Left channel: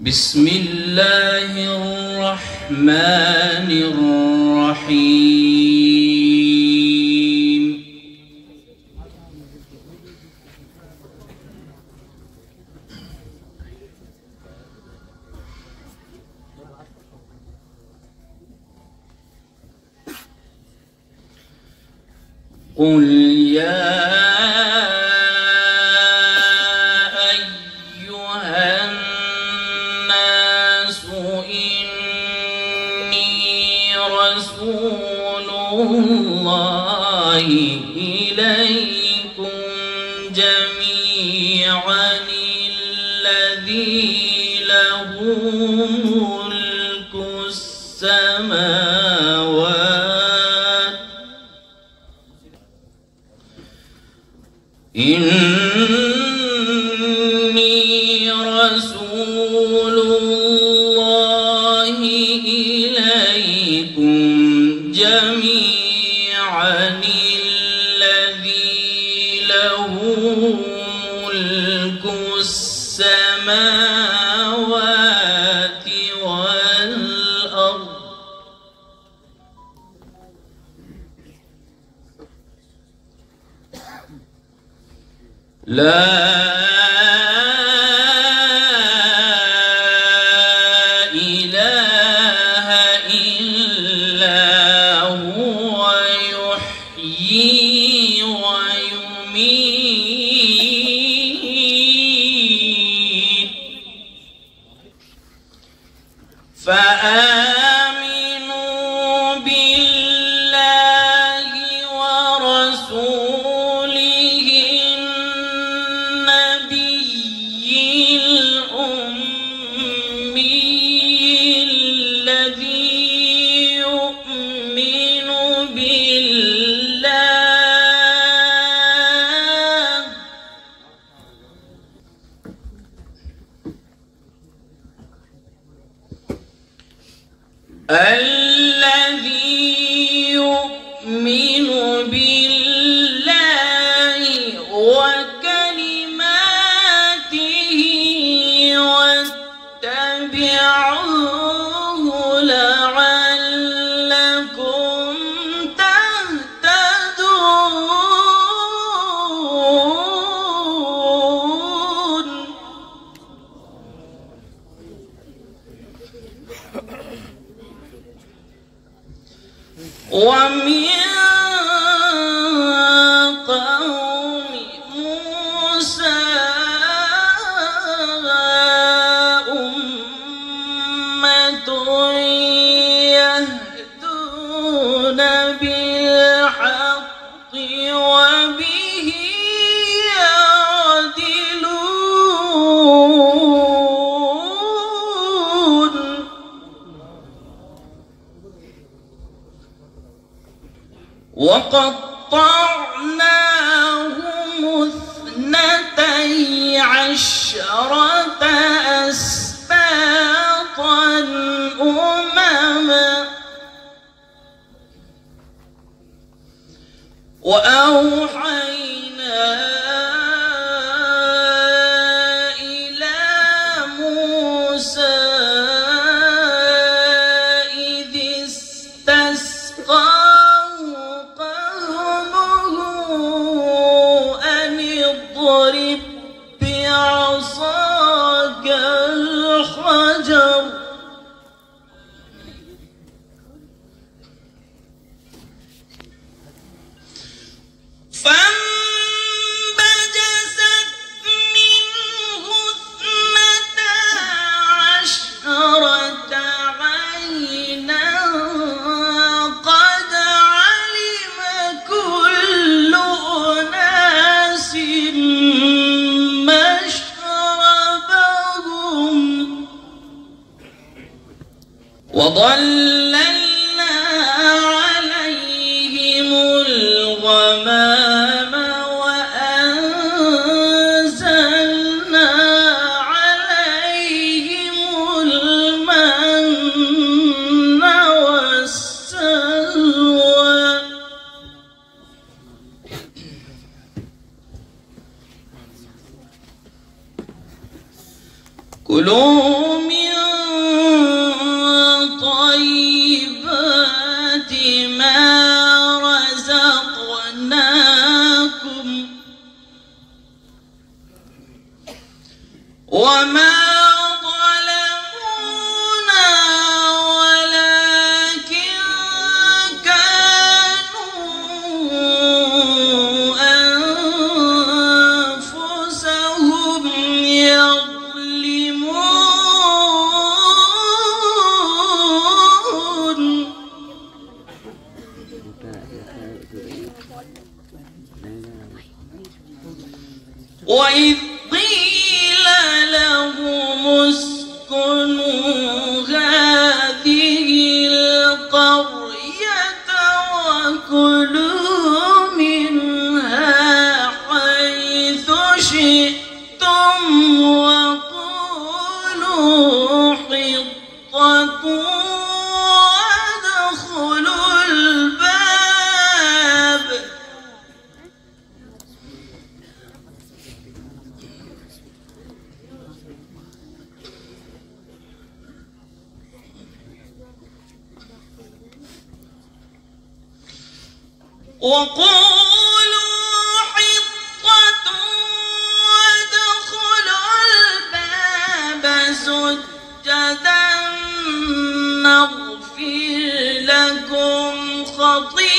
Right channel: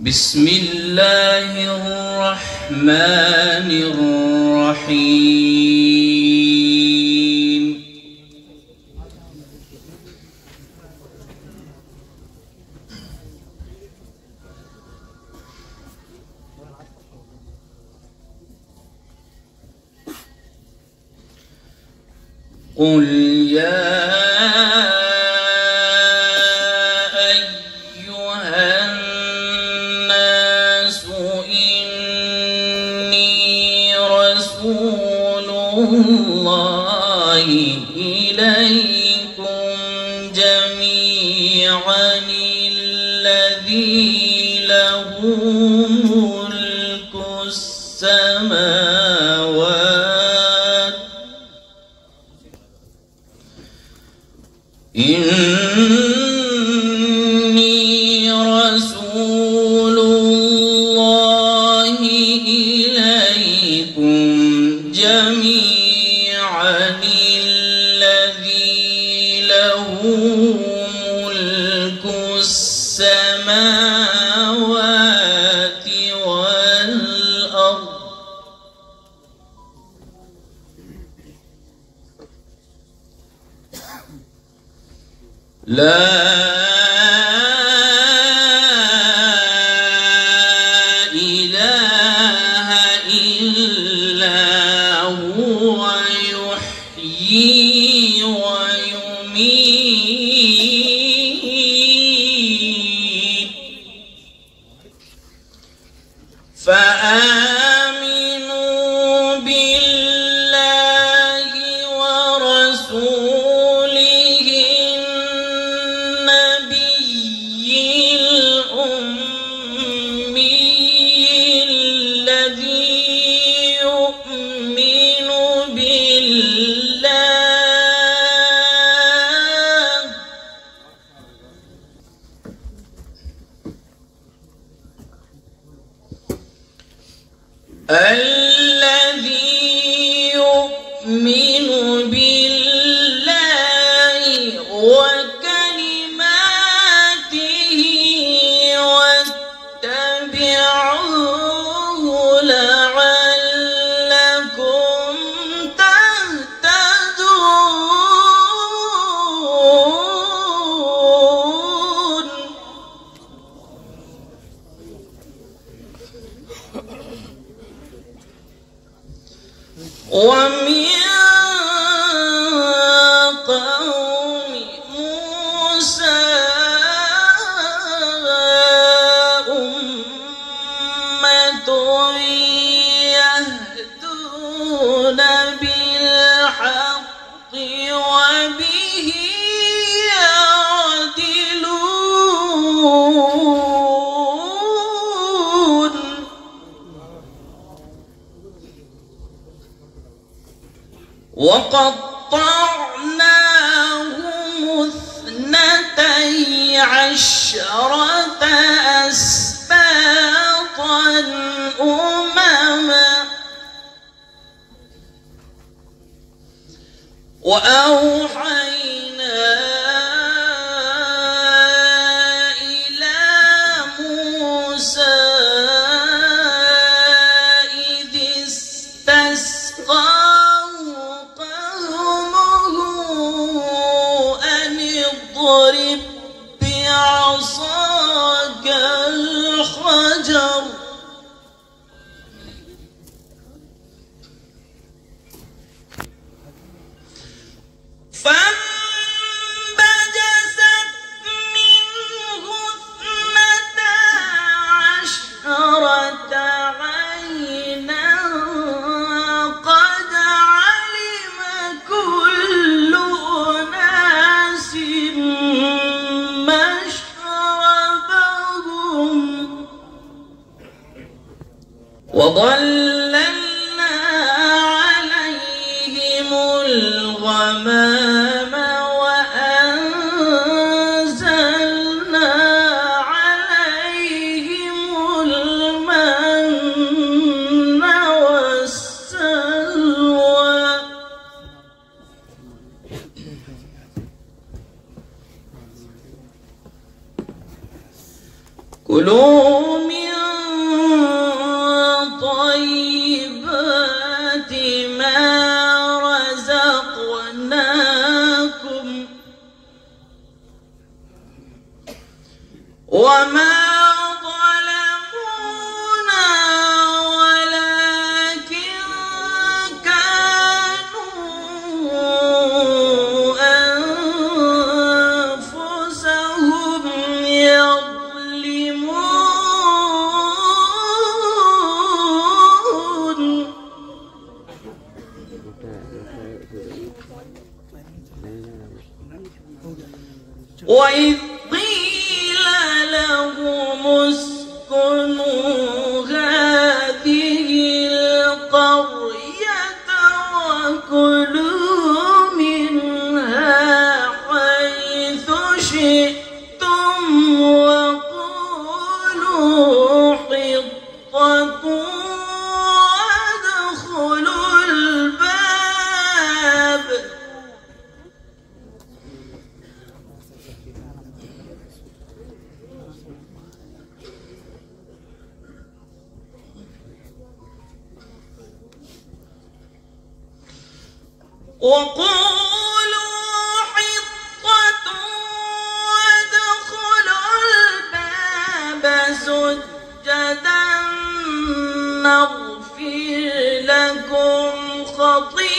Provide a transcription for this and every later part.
بسم الله الرحمن الرحيم قل يا الله إليكم جميعا الذي له ملك السماوات إني رسول الله إليكم جميعا الذي له ملك السماوات والأرض لا إله إلا هو يحيي ويميت فآمنوا بالله ورسوله النبي الأمي الذي يؤمن بالله الذي يؤمن بالله وكلماته واتبعوه لعلكم تهتدون ومن قوم موسى أمة يهدون بالحق وبه يعدلون وقطعناهم اثنتي عشرة أسباطا أمما وأوحينا إلى موسى إذ استسقاه قومه أن اضرب بعصاك الحجر فانبجست منه اثنتا عشرة عينا قد علم كل أناس مشربهم وظللنا عليهم الغمام وأنزلنا عليهم المن والسلوى كلوا من طيبات ما رزقناكم وما ظلمونا ولكن كانوا أنفسهم يظلمون. وإذ قيل لهم اسكنوا هذه القرية وكلوا منها حيث شئتم وقولوا حطة وادخلوا الباب وقولوا حطة وادخلوا الباب سجدا نغفر لكم خطيئاتكم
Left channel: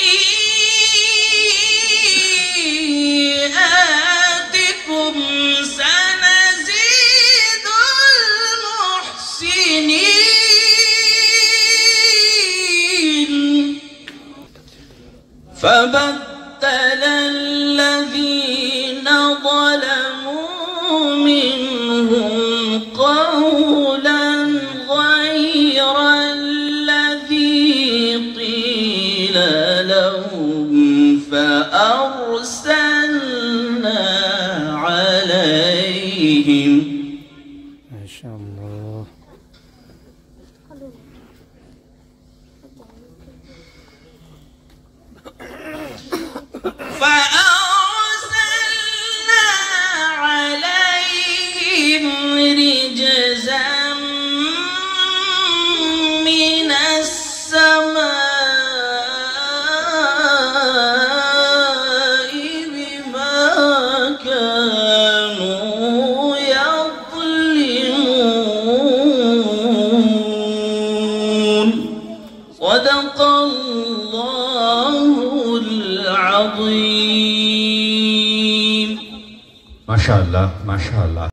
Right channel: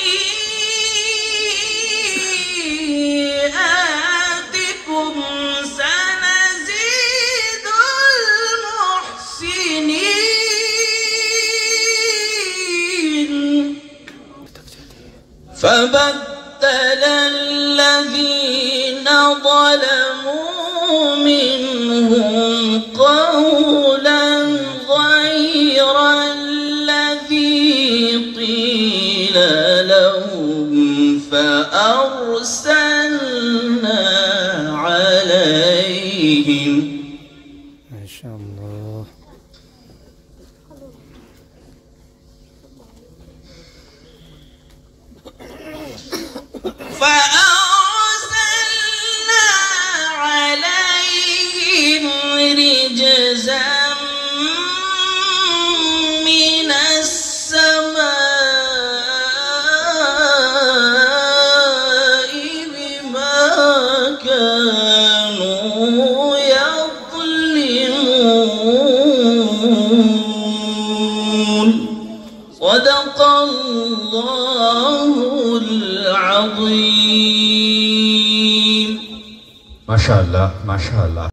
سنزيد المحسنين. فبدل الذين ظلموا منهم قولا غير الذي قيل لهم فأرسلنا عليهم. ما شاء الله. فأرسلنا عليهم رجزا من السماء بما كانوا يظلمون. صدق الله العظيم. ما شاء الله ما شاء الله.